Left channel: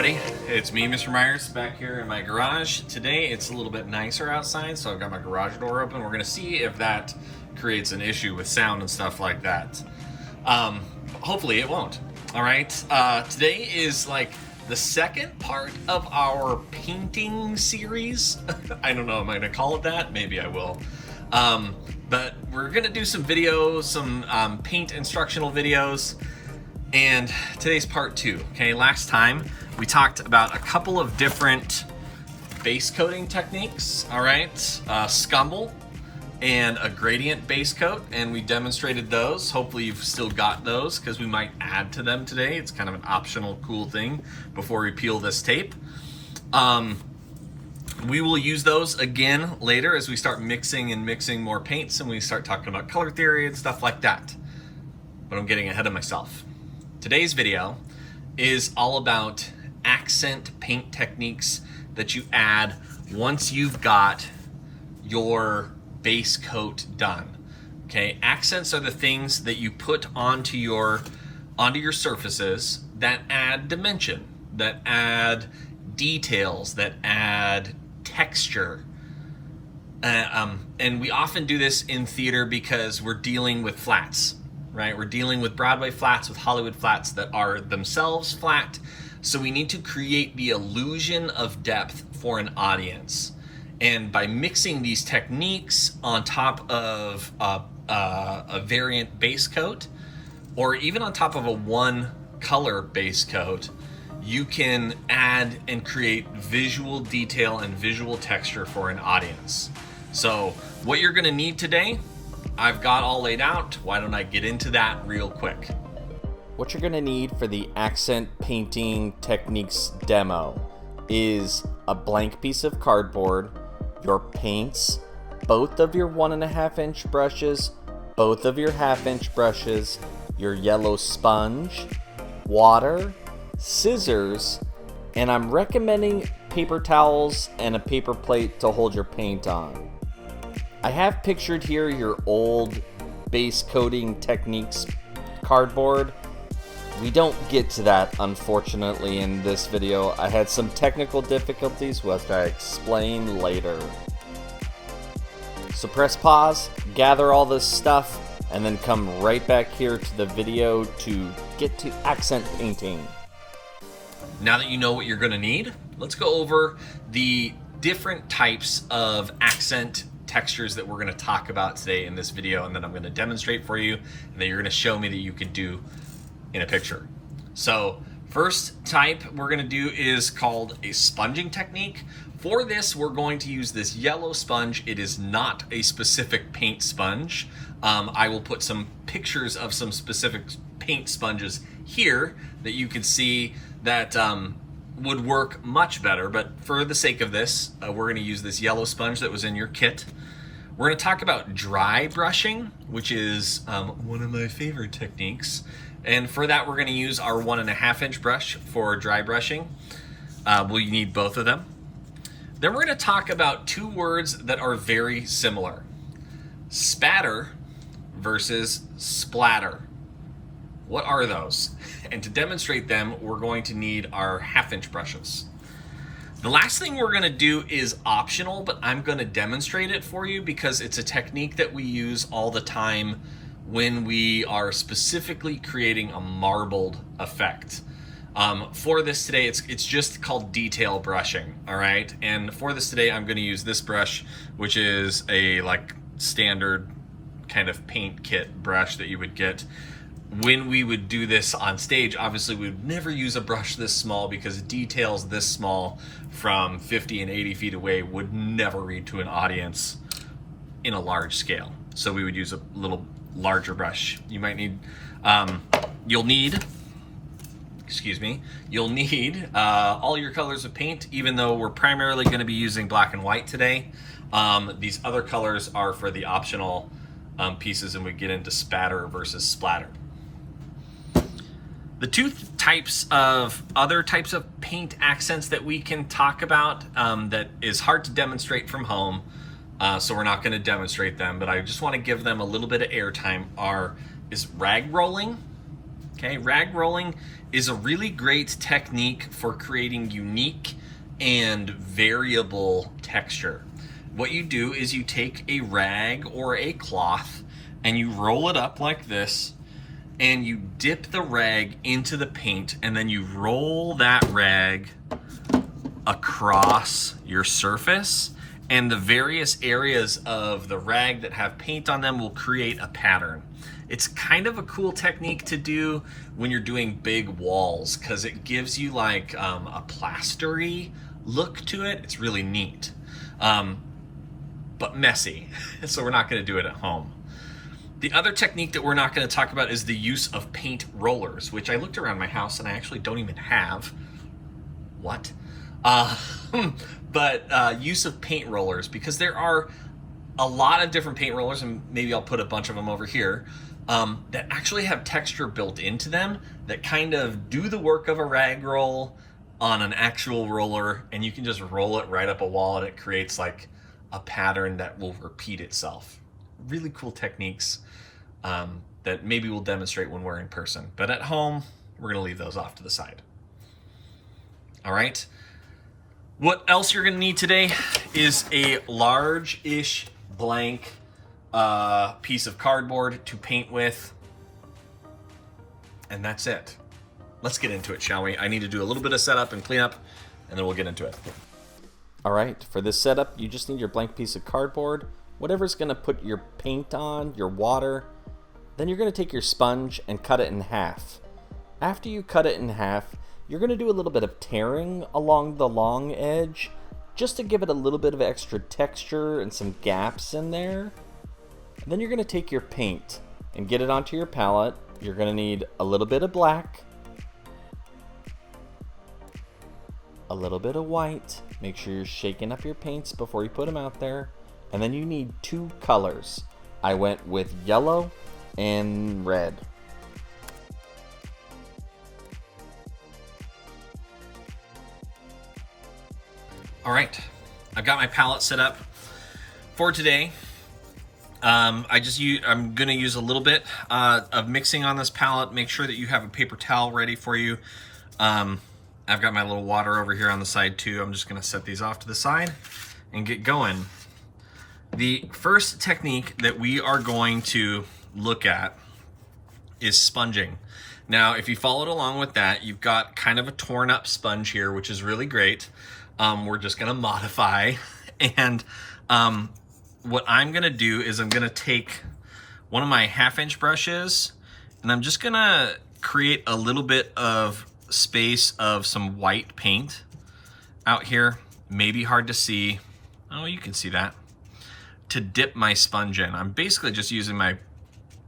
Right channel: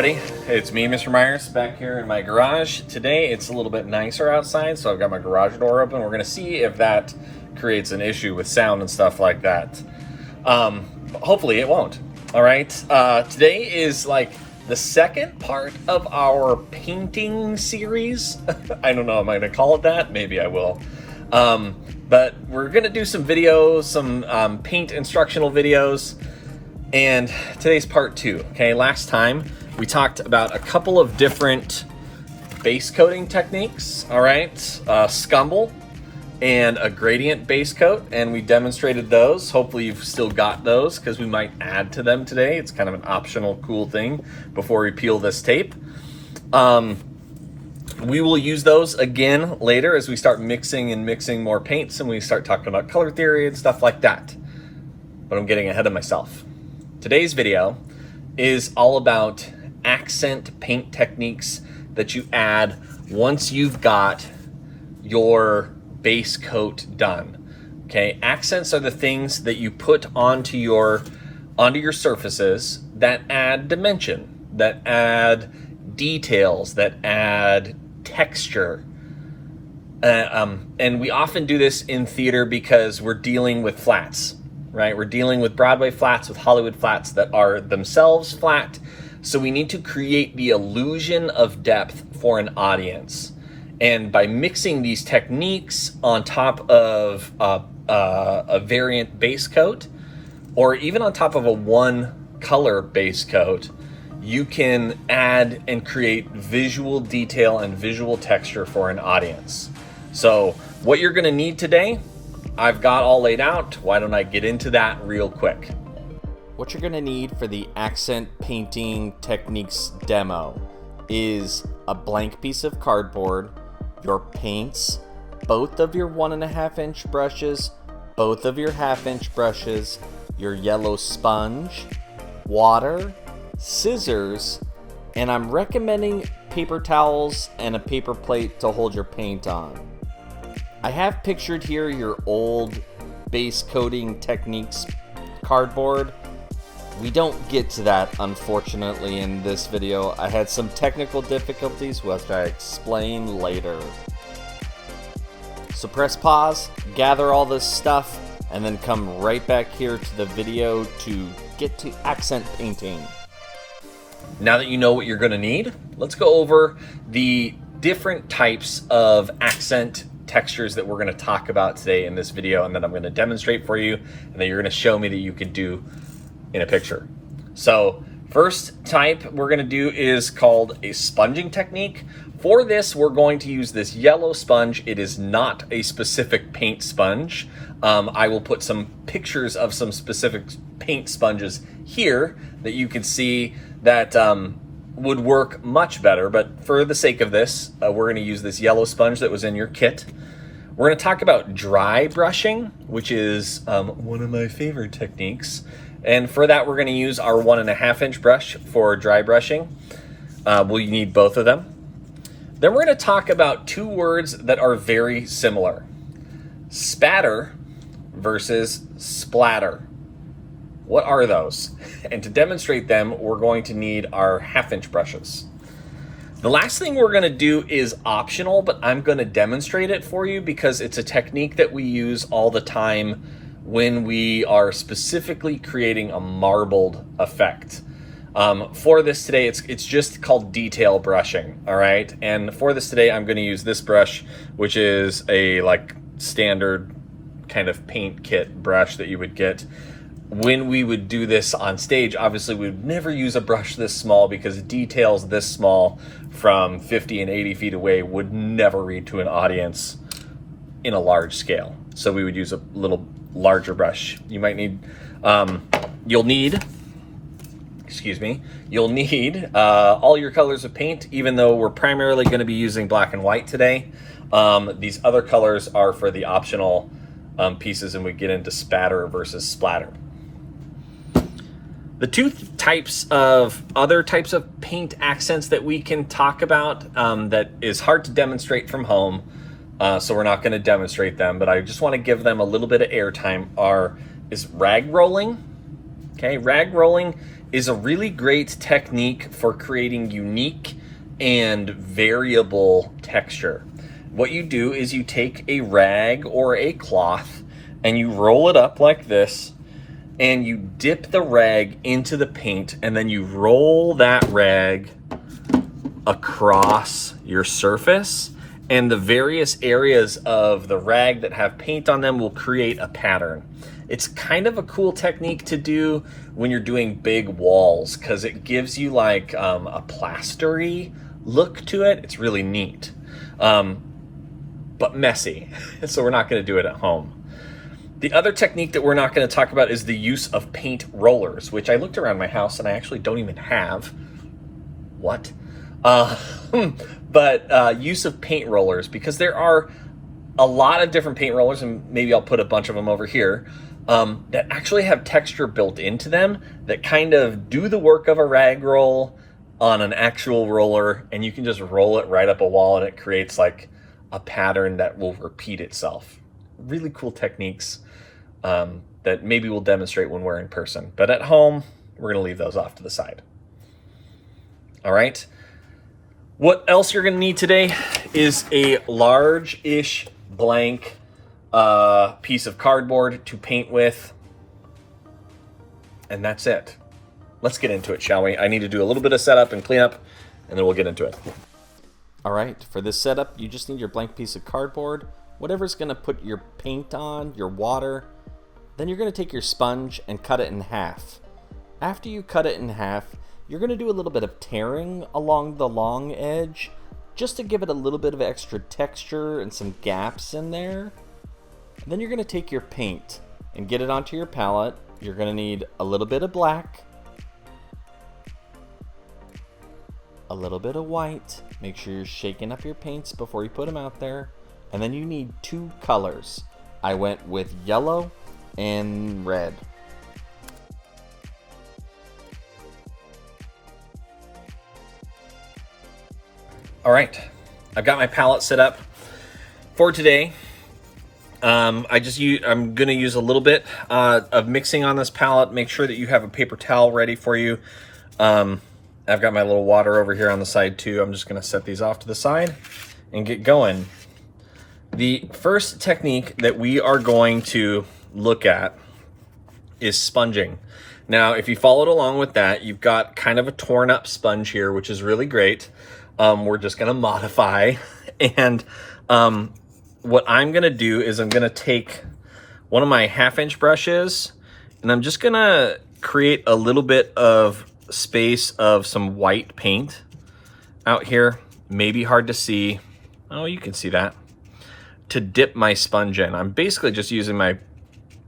everybody, it's me, Mr. Myers, back here in my garage. Today it's a little bit nicer outside, so I've got my garage door open. We're gonna see if that creates an issue with sound and stuff like that. Hopefully it won't. All right, today is like the second part of our painting series. I don't know, am I gonna call it that? Maybe I will. But we're gonna do some videos, some paint instructional videos. And today's part 2, okay? Last time we talked about a couple of different base coating techniques, all right? Scumble and a gradient base coat, and we demonstrated those. Hopefully you've still got those because we might add to them today. It's kind of an optional cool thing before we peel this tape. We will use those again later as we start mixing more paints and we start talking about color theory and stuff like that. But I'm getting ahead of myself. Today's video is all about accent paint techniques that you add once you've got your base coat done. Okay, accents are the things that you put onto your surfaces that add dimension, that add details, that add texture. And we often do this in theater because we're dealing with flats. Right? We're dealing with Broadway flats, with Hollywood flats that are themselves flat. So we need to create the illusion of depth for an audience. And by mixing these techniques on top of a variant base coat, or even on top of a one color base coat, you can add and create visual detail and visual texture for an audience. So what you're gonna need today, I've got all laid out. Why don't I get into that real quick? What you're gonna need for the accent painting techniques demo is a blank piece of cardboard, your paints, both of your 1.5 inch brushes, both of your 1/2 inch brushes, your yellow sponge, water, scissors, and I'm recommending paper towels and a paper plate to hold your paint on. I have pictured here your old base coating techniques cardboard. We don't get to that, unfortunately, in this video. I had some technical difficulties, which I explain later. So press pause, gather all this stuff, and then come right back here to the video to get to accent painting. Now that you know what you're gonna need, let's go over the different types of accent textures that we're going to talk about today in this video, and then I'm going to demonstrate for you, and then you're going to show me that you can do in a picture. So first type we're going to do is called a sponging technique. For this, we're going to use this yellow sponge. It is not a specific paint sponge. I will put some pictures of some specific paint sponges here that you can see that would work much better, but for the sake of this, we're going to use this yellow sponge that was in your kit. We're going to talk about dry brushing, which is one of my favorite techniques. And for that, we're going to use our 1.5 inch brush for dry brushing. We'll need both of them. Then we're going to talk about two words that are very similar. Spatter versus splatter. What are those? And to demonstrate them, we're going to need our 1/2 inch brushes. The last thing we're going to do is optional, but I'm going to demonstrate it for you because it's a technique that we use all the time when we are specifically creating a marbled effect. For this today, it's just called detail brushing, all right? And for this today, I'm going to use this brush, which is a like standard kind of paint kit brush that you would get. When we would do this on stage, obviously we would never use a brush this small because details this small from 50 and 80 feet away would never read to an audience in a large scale. So we would use a little larger brush. You might need, you'll need all your colors of paint, even though we're primarily going to be using black and white today. These other colors are for the optional pieces, and we get into spatter versus splatter. The two other types of paint accents that we can talk about that is hard to demonstrate from home, so we're not going to demonstrate them, but I just want to give them a little bit of airtime, is rag rolling. Okay, rag rolling is a really great technique for creating unique and variable texture. What you do is you take a rag or a cloth and you roll it up like this, and you dip the rag into the paint, and then you roll that rag across your surface, and the various areas of the rag that have paint on them will create a pattern. It's kind of a cool technique to do when you're doing big walls, because it gives you like a plastery look to it. It's really neat, but messy, so we're not going to do it at home. The other technique that we're not going to talk about is the use of paint rollers, which I looked around my house and I actually don't even have. What? Use of paint rollers, because there are a lot of different paint rollers, and maybe I'll put a bunch of them over here, that actually have texture built into them that kind of do the work of a rag roll on an actual roller, and you can just roll it right up a wall and it creates like a pattern that will repeat itself. Really cool techniques that maybe we'll demonstrate when we're in person, but at home we're going to leave those off to the side. All right, what else you're going to need today is a large-ish blank piece of cardboard to paint with, and that's it. Let's get into it, shall we? I need to do a little bit of setup and cleanup, and then we'll get into it. All right, for this setup, you just need your blank piece of cardboard, whatever's going to put your paint on, your water. Then you're going to take your sponge and cut it in half. After you cut it in half, you're going to do a little bit of tearing along the long edge, just to give it a little bit of extra texture and some gaps in there. And then you're going to take your paint and get it onto your palette. You're going to need a little bit of black, a little bit of white. Make sure you're shaking up your paints before you put them out there. And then you need 2 colors. I went with yellow and red. All right, I've got my palette set up for today. I'm gonna use a little bit of mixing on this palette. Make sure that you have a paper towel ready for you. I've got my little water over here on the side too. I'm just gonna set these off to the side and get going. The first technique that we are going to look at is sponging. Now, if you followed along with that, you've got kind of a torn up sponge here, which is really great. We're just gonna modify, and what I'm gonna do is I'm gonna take one of my 1/2-inch brushes, and I'm just gonna create a little bit of space of some white paint out here. Maybe hard to see. Oh, you can see that. To dip my sponge in. I'm basically just using my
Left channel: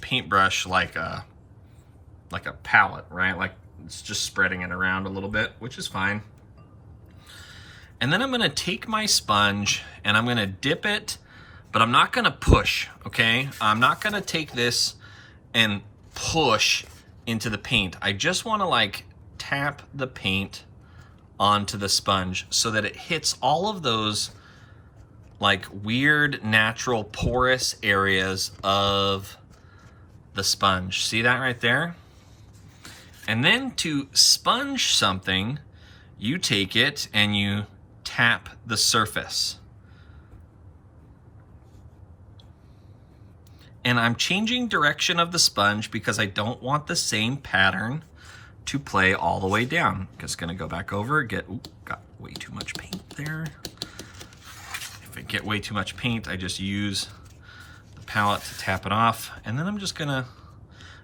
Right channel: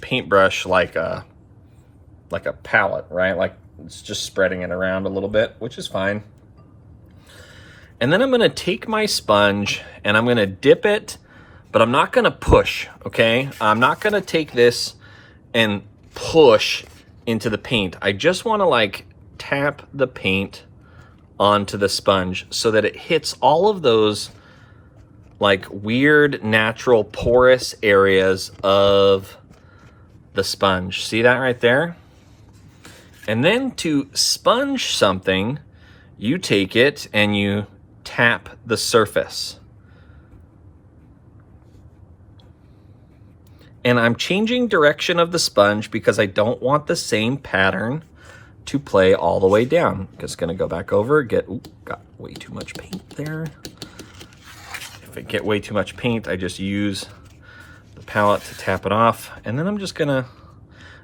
paintbrush like a palette, right? Like it's just spreading it around a little bit, which is fine. And then I'm gonna take my sponge and I'm gonna dip it, but I'm not gonna push, okay? I'm not gonna take this and push into the paint. I just wanna like tap the paint onto the sponge so that it hits all of those like weird natural porous areas of the sponge. See that right there? And then to sponge something, you take it and you tap the surface. And I'm changing direction of the sponge because I don't want the same pattern to play all the way down. Just gonna go back over, got way too much paint there. If I get way too much paint, I just use the palette to tap it off. And then I'm just gonna,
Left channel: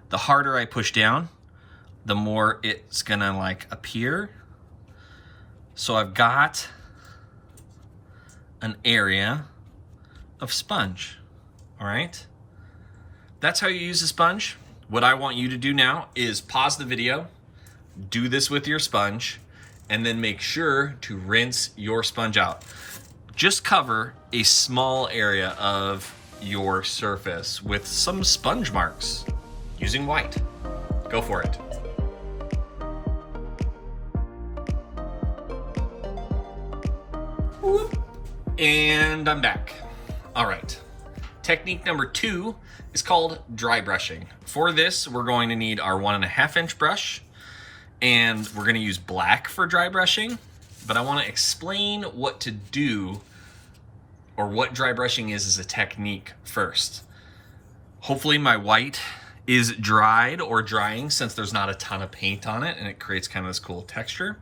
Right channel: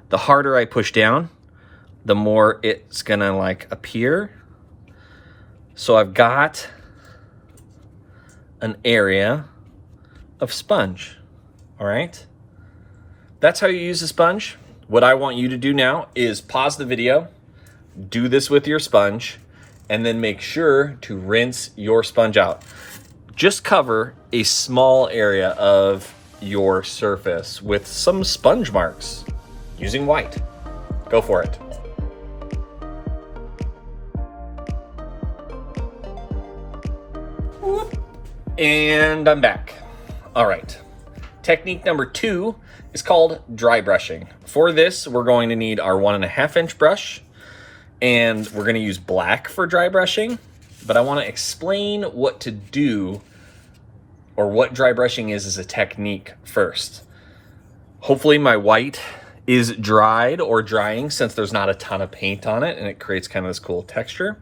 the harder I push down, the more it's gonna like appear. So I've got an area of sponge, all right? That's how you use a sponge. What I want you to do now is pause the video, do this with your sponge, and then make sure to rinse your sponge out. Just cover a small area of your surface with some sponge marks using white. Go for it. And I'm back. All right. Technique number 2 is called dry brushing. For this, we're going to need our 1.5-inch brush, and we're gonna use black for dry brushing, but I wanna explain what to do or what dry brushing is as a technique first. Hopefully my white is dried or drying since there's not a ton of paint on it and it creates kind of this cool texture.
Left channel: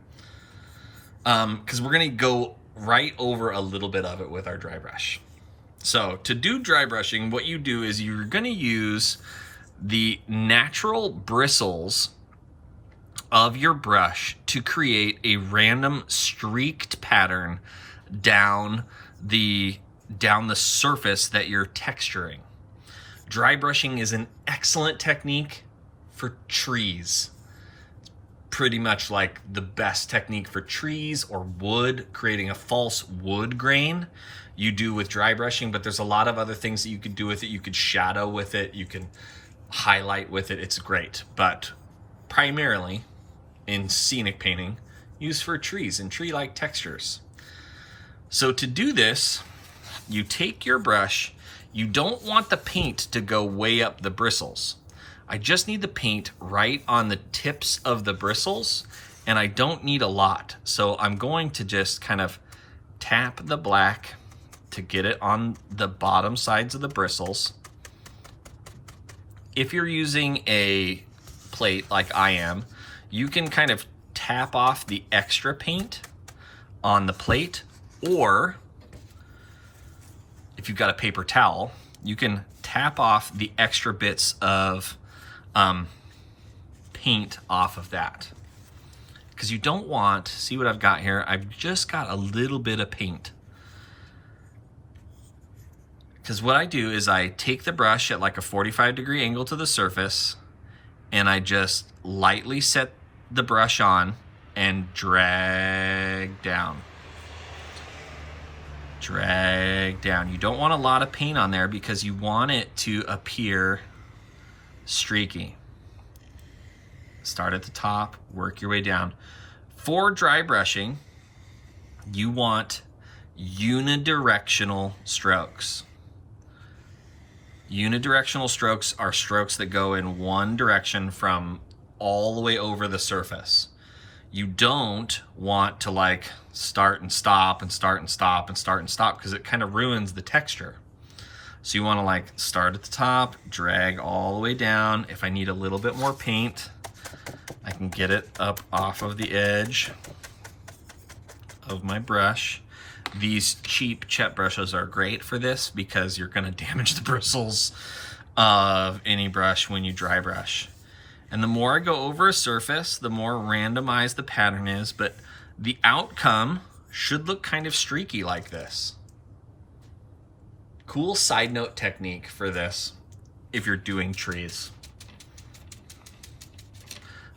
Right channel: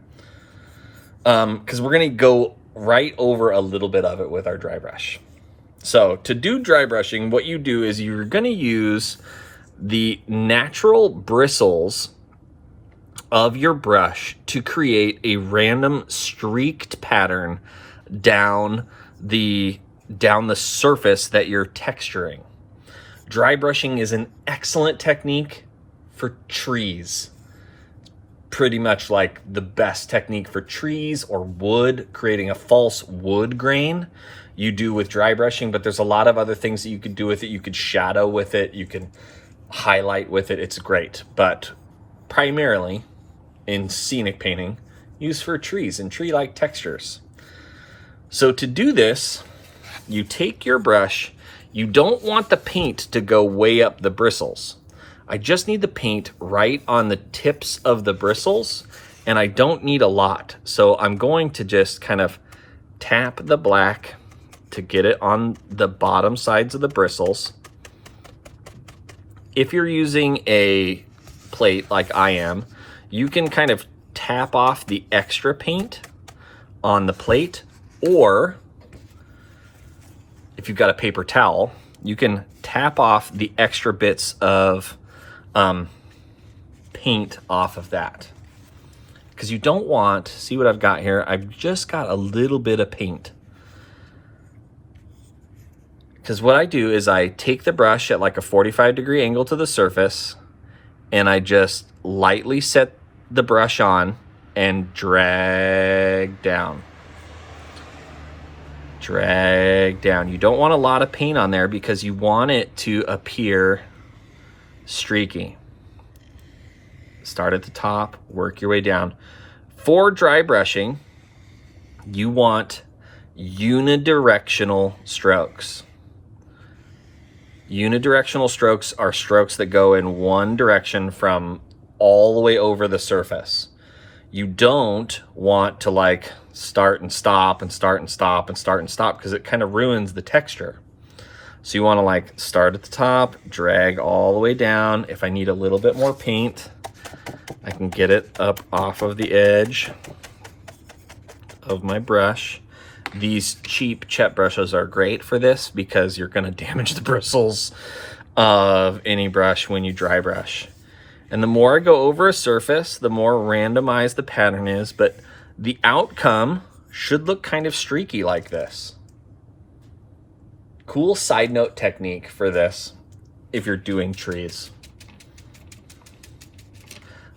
Because we're gonna go right over a little bit of it with our dry brush. So to do dry brushing, what you do is you're gonna use the natural bristles of your brush to create a random streaked pattern down the surface that you're texturing. Dry brushing is an excellent technique for trees. Pretty much like the best technique for trees or wood, creating a false wood grain you do with dry brushing, but there's a lot of other things that you could do with it. You could shadow with it, you can highlight with it, it's great. But primarily in scenic painting, used for trees and tree-like textures. So to do this, you take your brush, you don't want the paint to go way up the bristles. I just need the paint right on the tips of the bristles, and I don't need a lot. So I'm going to just kind of tap the black to get it on the bottom sides of the bristles. If you're using a plate like I am, you can kind of tap off the extra paint on the plate, or if you've got a paper towel, you can tap off the extra bits of paint off of that. Because you don't want, see what I've got here? I've just got a little bit of paint. Because what I do is I take the brush at like a 45-degree angle to the surface, and I just lightly set the brush on and drag down. Drag down. You don't want a lot of paint on there because you want it to appear streaky. Start at the top, work your way down. For dry brushing, you want unidirectional strokes. Unidirectional strokes are strokes that go in one direction from all the way over the surface. You don't want to like start and stop and start and stop and start and stop because it kind of ruins the texture. So you want to like start at the top, drag all the way down. If I need a little bit more paint, I can get it up off of the edge of my brush. These cheap Chet brushes are great for this because you're going to damage the bristles of any brush when you dry brush. And the more I go over a surface, the more randomized the pattern is, but the outcome should look kind of streaky like this. Cool side note technique for this if you're doing trees.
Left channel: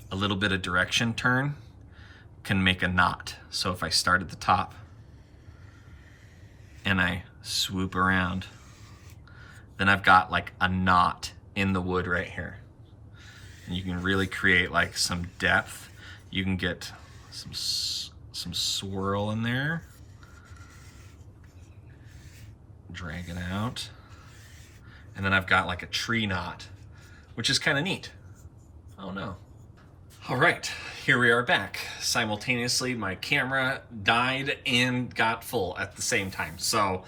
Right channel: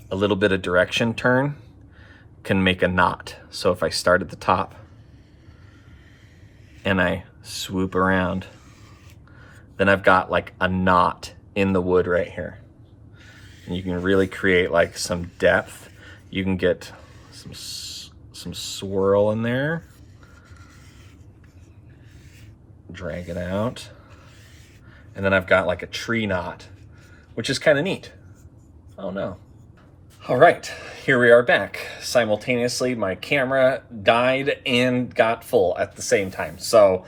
A little bit of direction turn can make a knot. So if I start at the top and I swoop around, then I've got like a knot in the wood right here. And you can really create like some depth. You can get some swirl in there. Drag it out. And then I've got like a tree knot, which is kind of neat. Oh no. All right, here we are back. Simultaneously, my camera died and got full at the same time. So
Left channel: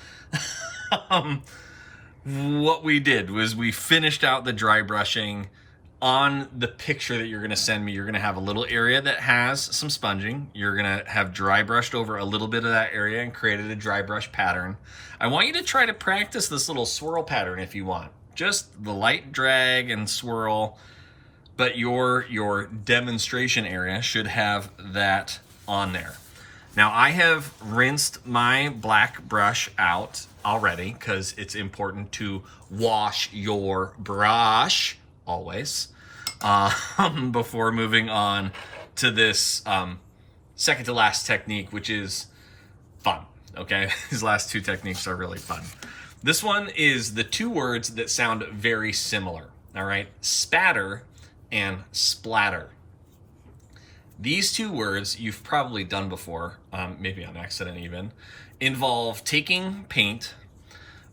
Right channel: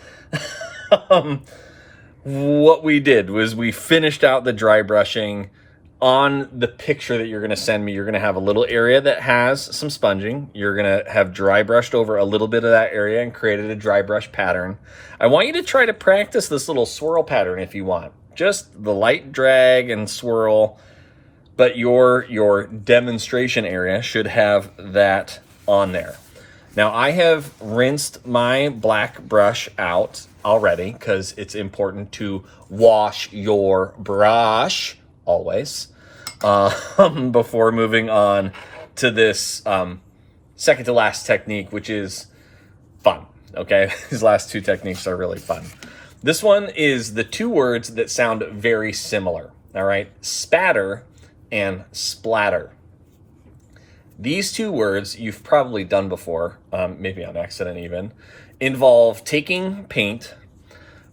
what we did was we finished out the dry brushing. On the picture that you're gonna send me, you're gonna have a little area that has some sponging. You're gonna have dry brushed over a little bit of that area and created a dry brush pattern. I want you to try to practice this little swirl pattern if you want. Just the light drag and swirl, but your demonstration area should have that on there. Now I have rinsed my black brush out already because it's important to wash your brush always, before moving on to this second to last technique, which is fun, okay? These last two techniques are really fun. This one is the two words that sound very similar, all right? Spatter and splatter. These two words you've probably done before, maybe on accident even, involve taking paint,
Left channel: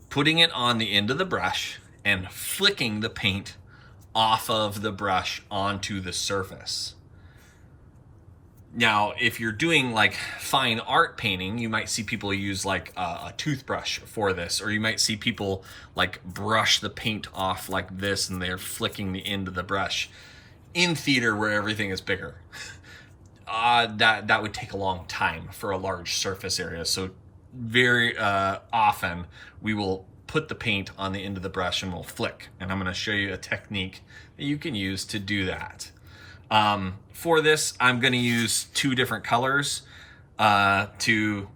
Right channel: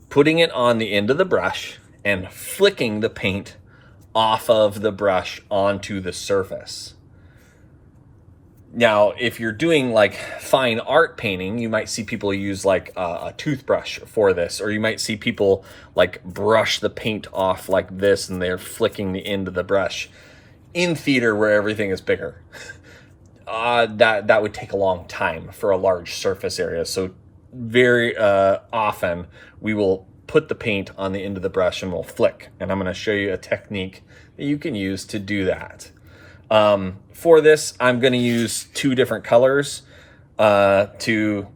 putting it on the end of the brush, and flicking the paint off of the brush onto the surface. Now, if you're doing like fine art painting, you might see people use like a toothbrush for this, or you might see people like brush the paint off like this and they're flicking the end of the brush. In theater where everything is bigger, that would take a long time for a large surface area. So very often we will put the paint on the end of the brush and we'll flick. And I'm going to show you a technique that you can use to do that. For this, I'm going to use two different colors to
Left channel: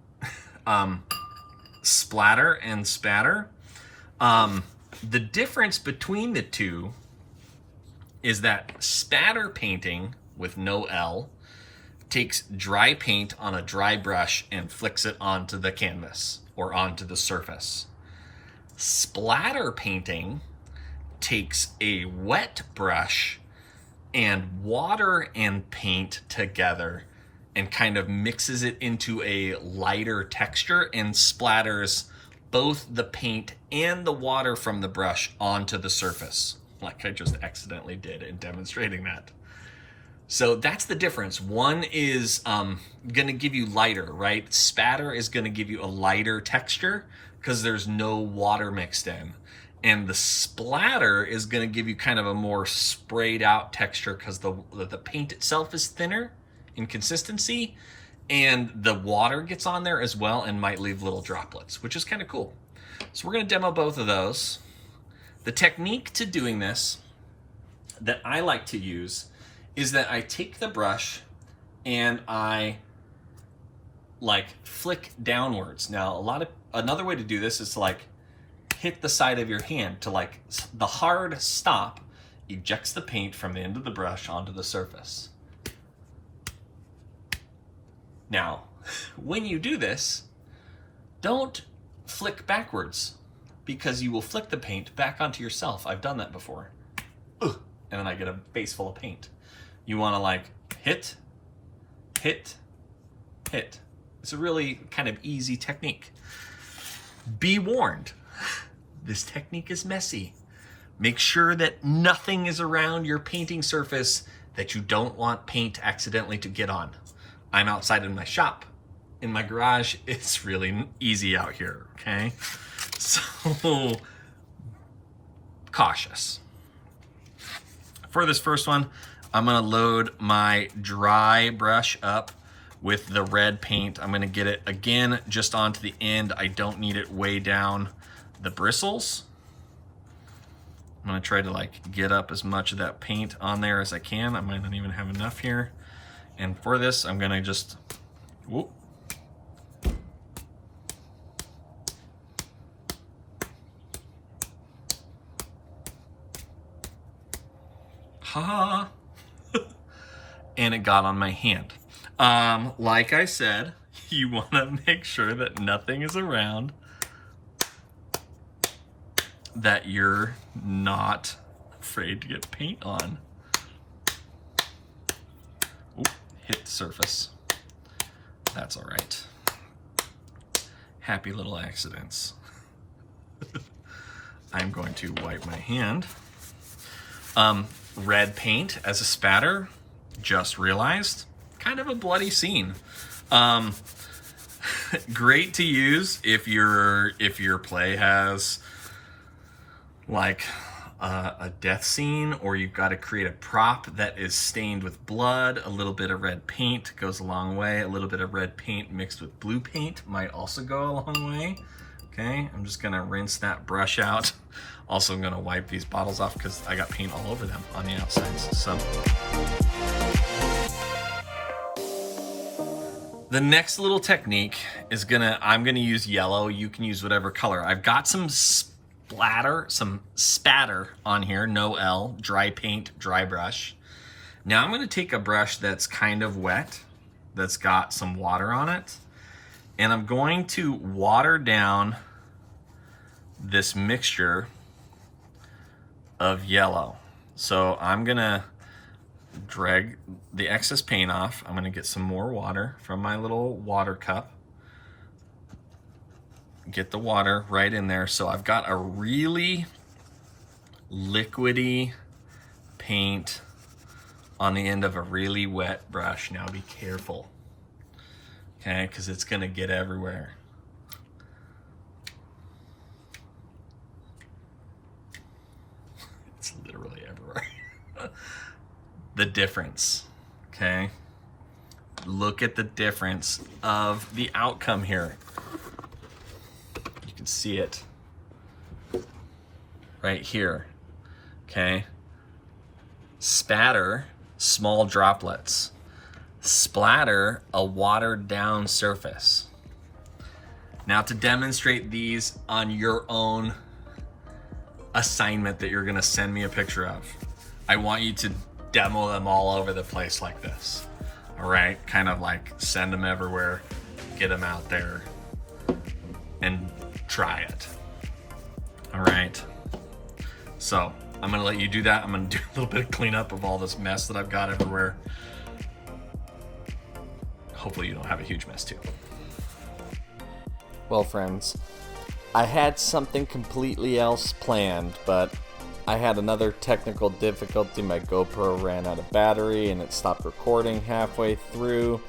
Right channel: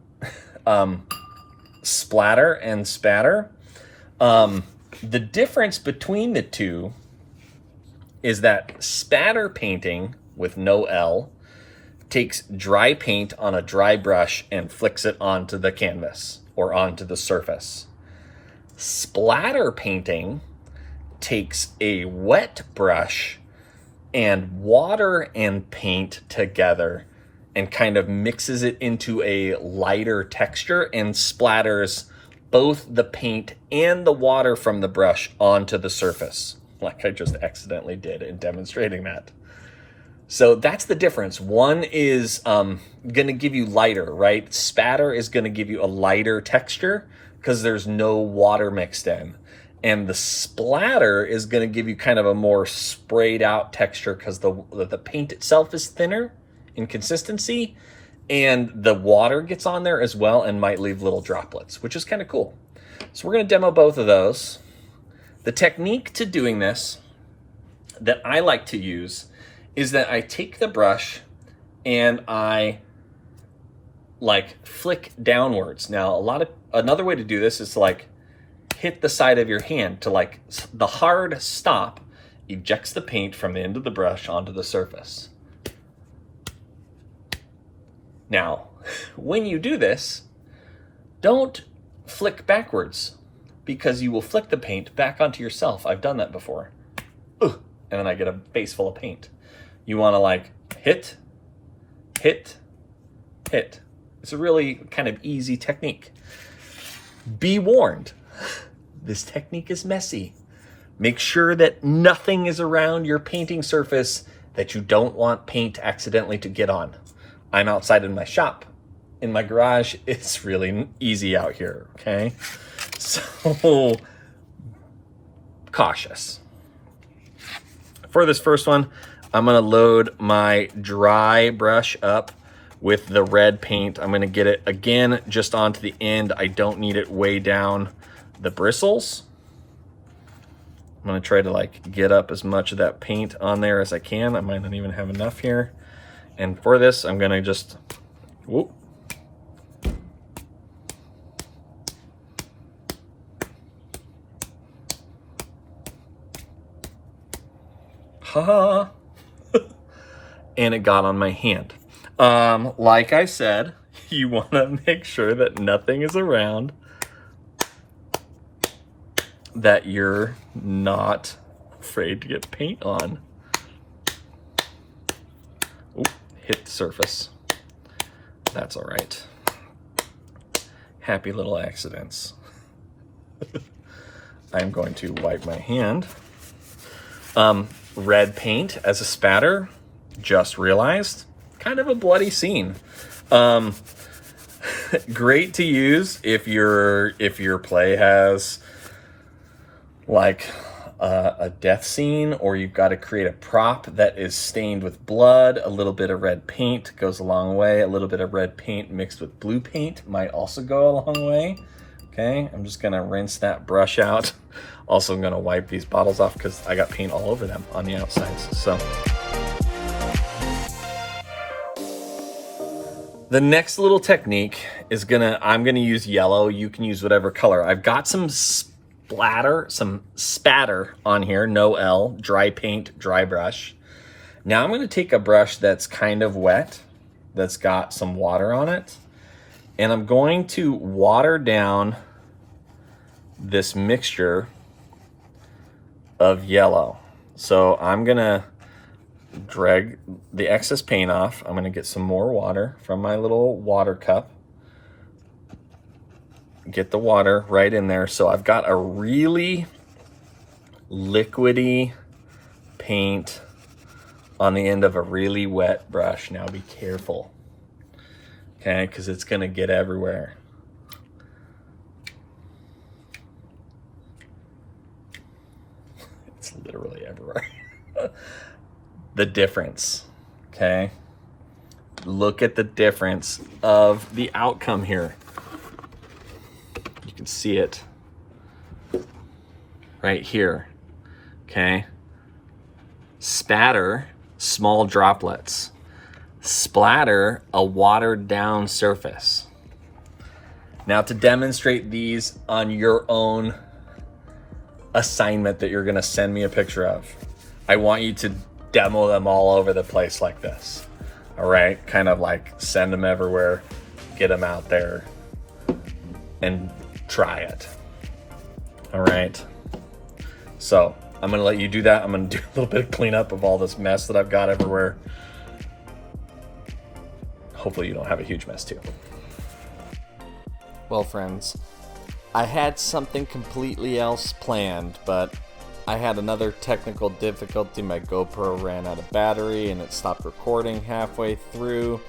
splatter and spatter. The difference between the two is that spatter painting with no L takes dry paint on a dry brush and flicks it onto the canvas or onto the surface. Splatter painting takes a wet brush and water and paint together and kind of mixes it into a lighter texture and splatters both the paint and the water from the brush onto the surface, like I just accidentally did in demonstrating that. So that's the difference. One is gonna give you lighter, right? Spatter is gonna give you a lighter texture because there's no water mixed in. And the splatter is gonna give you kind of a more sprayed out texture because the paint itself is thinner in consistency, and the water gets on there as well and might leave little droplets, which is kind of cool. So we're gonna demo both of those. The technique to doing this that I like to use is that I take the brush and I like flick downwards. Now, another way to do this is to like hit the side of your hand to like the hard stop ejects the paint from the end of the brush onto the surface. Now, when you do this, don't flick backwards because you will flick the paint back onto yourself. I've done that before. And then I get a face full of paint. You want to like hit, hit, hit. It's a really kind of easy technique. Be warned, this technique is messy. Make sure that nothing is around your painting surface that you don't want paint accidentally to get on. I'm outside in my shop. In my garage, it's really easy out here, okay? So, cautious. For this first one, I'm gonna load my dry brush up with the red paint. I'm gonna get it again just onto the end. I don't need it way down the bristles. I'm gonna try to like get up as much of that paint on there as I can. I might not even have enough here. And for this, I'm gonna just, whoop. Ha! And it got on my hand. Like I said, you wanna make sure that nothing is around that you're not afraid to get paint on. Oop, hit the surface. That's all right. Happy little accidents. I'm going to wipe my hand. Red paint as a spatter, just realized, kind of a bloody scene. Great to use if your play has like a death scene, or you've got to create a prop that is stained with blood. A little bit of red paint goes a long way. A little bit of red paint mixed with blue paint might also go a long way. Okay, I'm just gonna rinse that brush out. Also, I'm gonna wipe these bottles off because I got paint all over them on the outsides. So the next little technique is I'm gonna use yellow. You can use whatever color. I've got some spatter on here, no L, dry paint, dry brush. Now I'm gonna take a brush that's kind of wet, that's got some water on it, and I'm going to water down this mixture of yellow. So I'm gonna drag the excess paint off. I'm gonna get some more water from my little water cup. Get the water right in there. So I've got a really liquidy paint on the end of a really wet brush. Now be careful, okay, because it's gonna get everywhere. It's literally everywhere. The difference, okay? Look at the difference of the outcome here. You can see it right here, okay? Spatter, small droplets. Splatter, a watered down surface. Now to demonstrate these on your own assignment that you're gonna send me a picture of, I want you to demo them all over the place like this. All right, kind of like send them everywhere, get them out there and try it. All right, so I'm gonna let you do that. I'm gonna do a little bit of cleanup of all this mess that I've got everywhere. Hopefully you don't have a huge mess too. Well, friends, I had something completely else planned, but I had another technical difficulty. My GoPro ran out of battery and it stopped recording halfway through.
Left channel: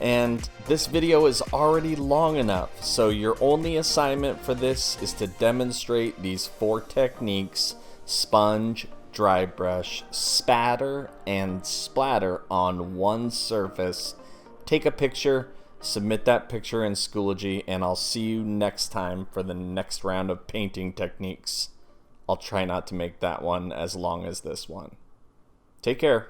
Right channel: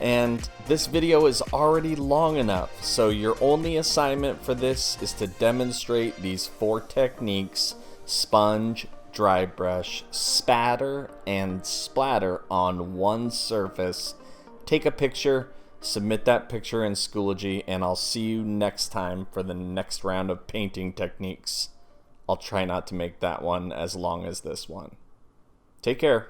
And this video is already long enough, so your only assignment for this is to demonstrate these 4 techniques: sponge, dry brush, spatter, and splatter on one surface. Take a picture, submit that picture in Schoology, and I'll see you next time for the next round of painting techniques. I'll try not to make that one as long as this one. Take care.